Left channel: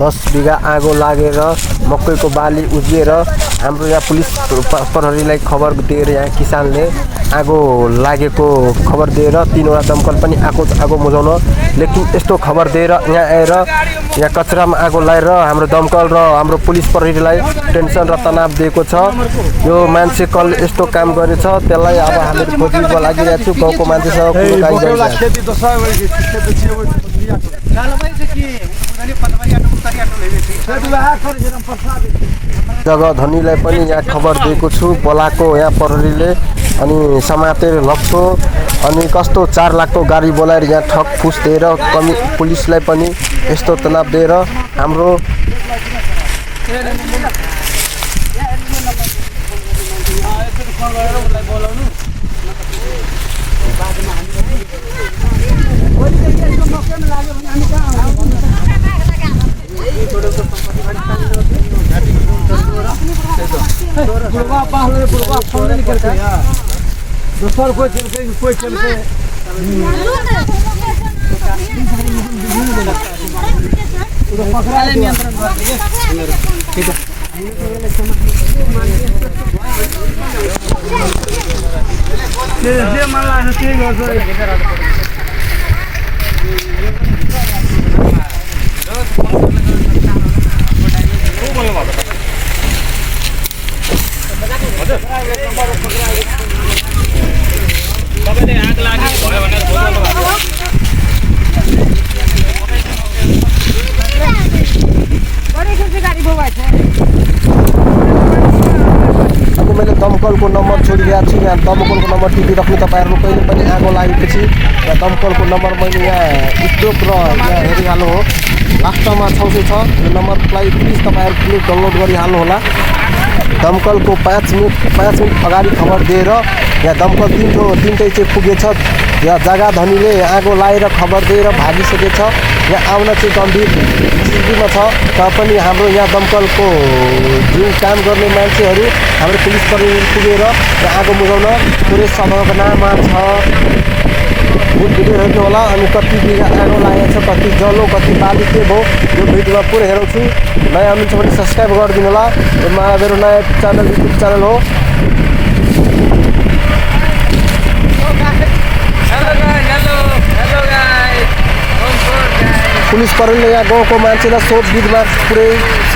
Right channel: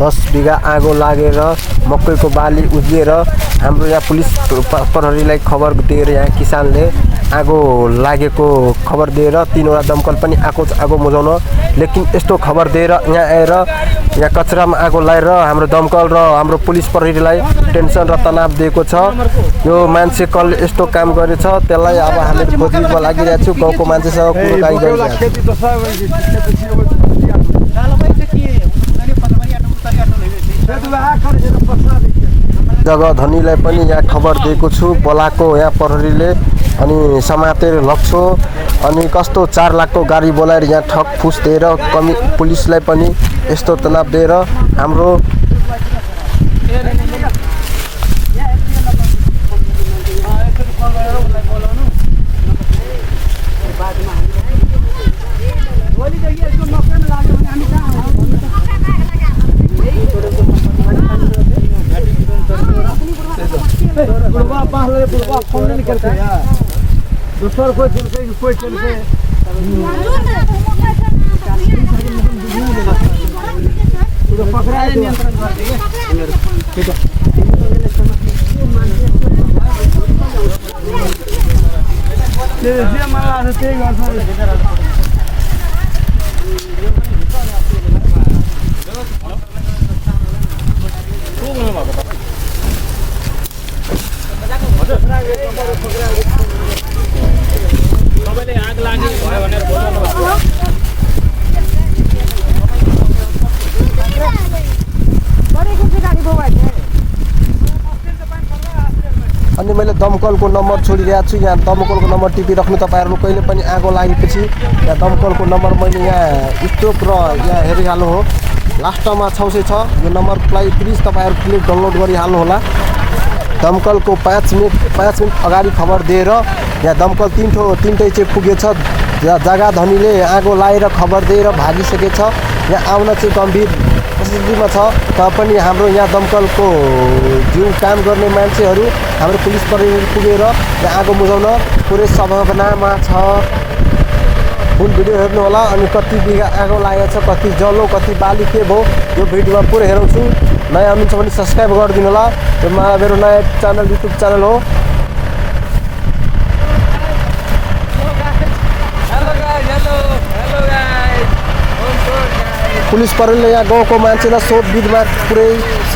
10 बिघा आगो लागेर मकैको बाली उजिएर हाम्रो यहाँ पुलिस प्रहरीलाई खबर दिएर यहाँ किसानले आगो लागेको खबर दिएर 3वटा दमकल पनि आगो बुझाउन लेकिन यस्तो खबर दिएर यहाँ आएर यहाँ कचरामा आगो लाएर हाम्रो दमकल र हाम्रो पुलिस प्रहरीलाई टेन्सन र तनाव दिएको छ। यो मान्छे कल यस्तो काम गरेछ त्यसलाई अब हामीले खोजिको लागिरहेको छु। गाउँको मान्छेसँग कुराकानी गरिरहेको जग्गा धनीलाई पनि यहाँ खबर दिएको छु बोलाको यहाँ प्रहरीले अनि समातेर लग्छौ अनि कस्तो 4 लाखको गाडी बोलाएर यहाँ ठक फुस दिएर कमी पुलिसलाई पनि यस्तो तनाव दिएर हाम्रो कोई चल के नियन्त्रण अनि मैले दमकलको नम्बर छोडिरहेको छु। यहाँ दमकलको नम्बर टिपिराख्नु तपाईहरुले कहिले पनि आगो लागेपछि यहाँ दमकलको नम्बर मैले यहाँ स्टोक र यहाँ हेरिहाल्नु हो लास्टमा 606 यो नम्बरलाई प्लिज तपाईहरुले डाउनलोड गरिहाल्नु होला। दमकलको 5 मिनेट अगाडि खबर दिएर यहाँ दमकल तीनटै चाहिँ पुगेछ। जग्गा धनीले आगो लाएर खबर दिएर भागिसकेछ। यहाँ आउन चाहिँ गम्भीर स्थितिमा छ तापनि हाम्रो यहाँ दमकलको जुन काम गर्ने मान्छेहरू हाम्रो पुलिस प्रहरी पुगेर यहाँ आगो बुझाउन पुरै सम्भावनामा छ। फुल भिडियो हेर्नु होला अनि कति बिघा आगो लागेको छ कति जलो कति बाली के भयो यो भिडियोमा पुरै हेराउँछु। नयाँ हुनुहुन्छ भने सब्स्क्राइब गरिदिनु होला। यो मेरो नयाँ च्यानल युट्युब च्यानल हो। पुलिस प्रहरीले यहाँ गाउँको मान्छेलाई सोधबिदमा पुरै छ।